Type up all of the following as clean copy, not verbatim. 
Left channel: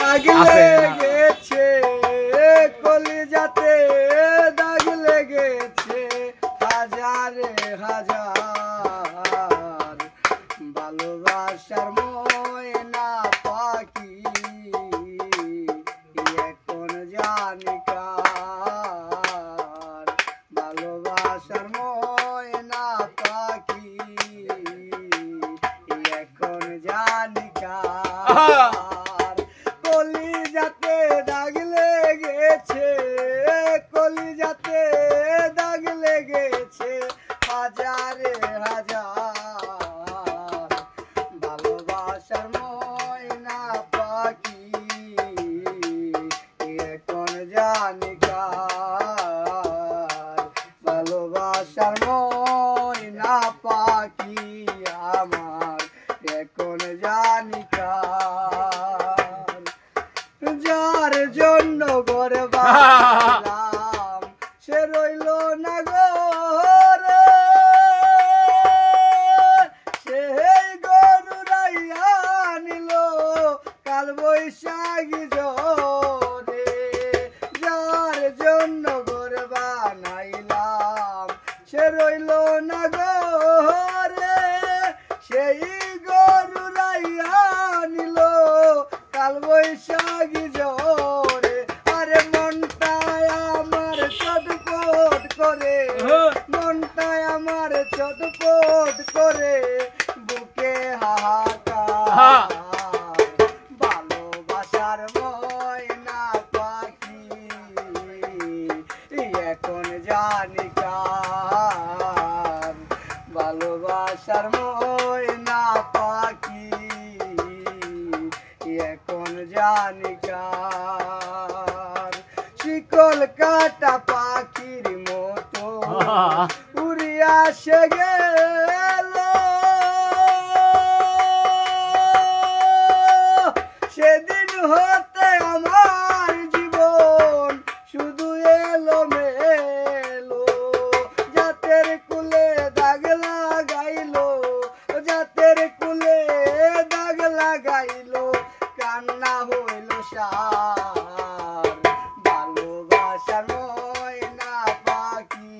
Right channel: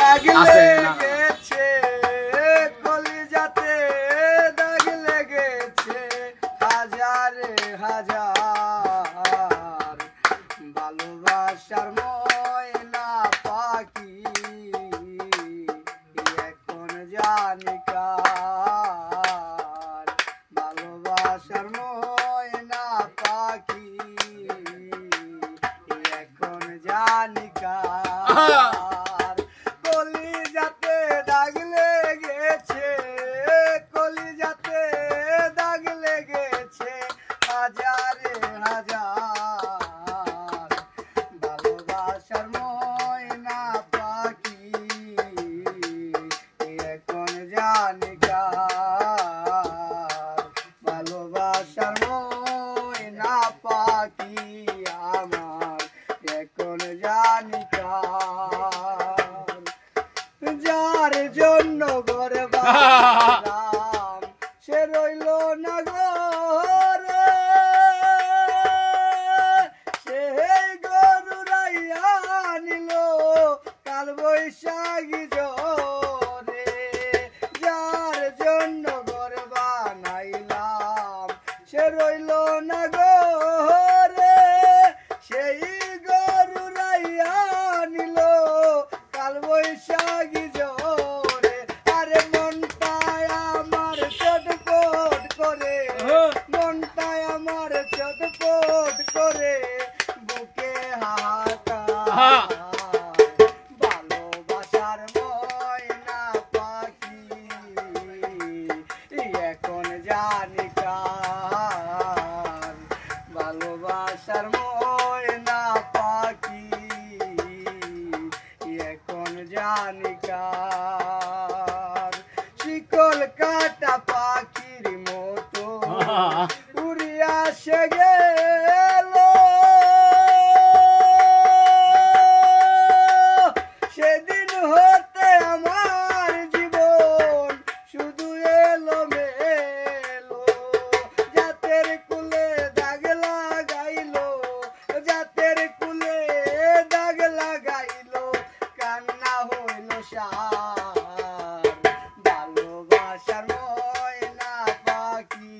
দাগ লেগেছে কলিজাতে, দাগ লেগেছে হাজারে হাজার, ভালোবাসার ময়না পাখি এখন জানি কার, ভালোবাসার ময়না পাখি এখন জানি কার। কলিজাতে দাগ লেগেছে, কলিজাতে দাগ লেগেছে হাজারে হাজার, ভালোবাসার ময়না পাখি এখন জানি কার, ভালোবাসার ময়না পাখি আমার এখন জানি কার। যার জন্য ঘরে বাঁধলাম সে রইল না ঘরে, সেই গরু রাইয়া নিল কাল বৈশাখী জোরে। যার জন্য ঘর বানাইলাম সে রইল না ঘরে, সেই গরু রাইয়া নিল কাল বৈশাখী জোরে। আরে মনটায় আমার চটপট করে, মনটায় আমার চটপট করে, বুকে হাহাকার, ভালোবাসার ময়না পাখি এখন জানি কার, ভালোবাসার ময়না পাখি এখন জানি কার। শিকল কাটা পাখির মতো উড়িয়া সে গেল, সেদিন হতে আমার জীবন শুধু এলো মেলো, জাতের কুলে দাগ লাগাইলো, জাতের কুলে দাগ লাগাইলো, কান্না হইল সার, ভালোবাসার ময়না পাখি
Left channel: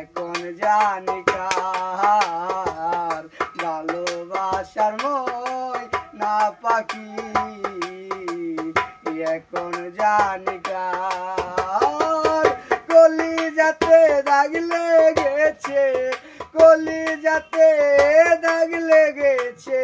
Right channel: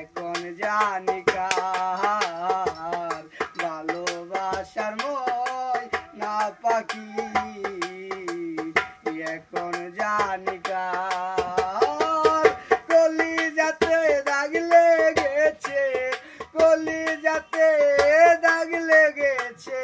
এখন জানি কার, ভালোবাসার ময়না পাখি এখন জানি কার। কলিজাতে দাগ লেগেছে, কলিজাতে দাগ লেগেছে।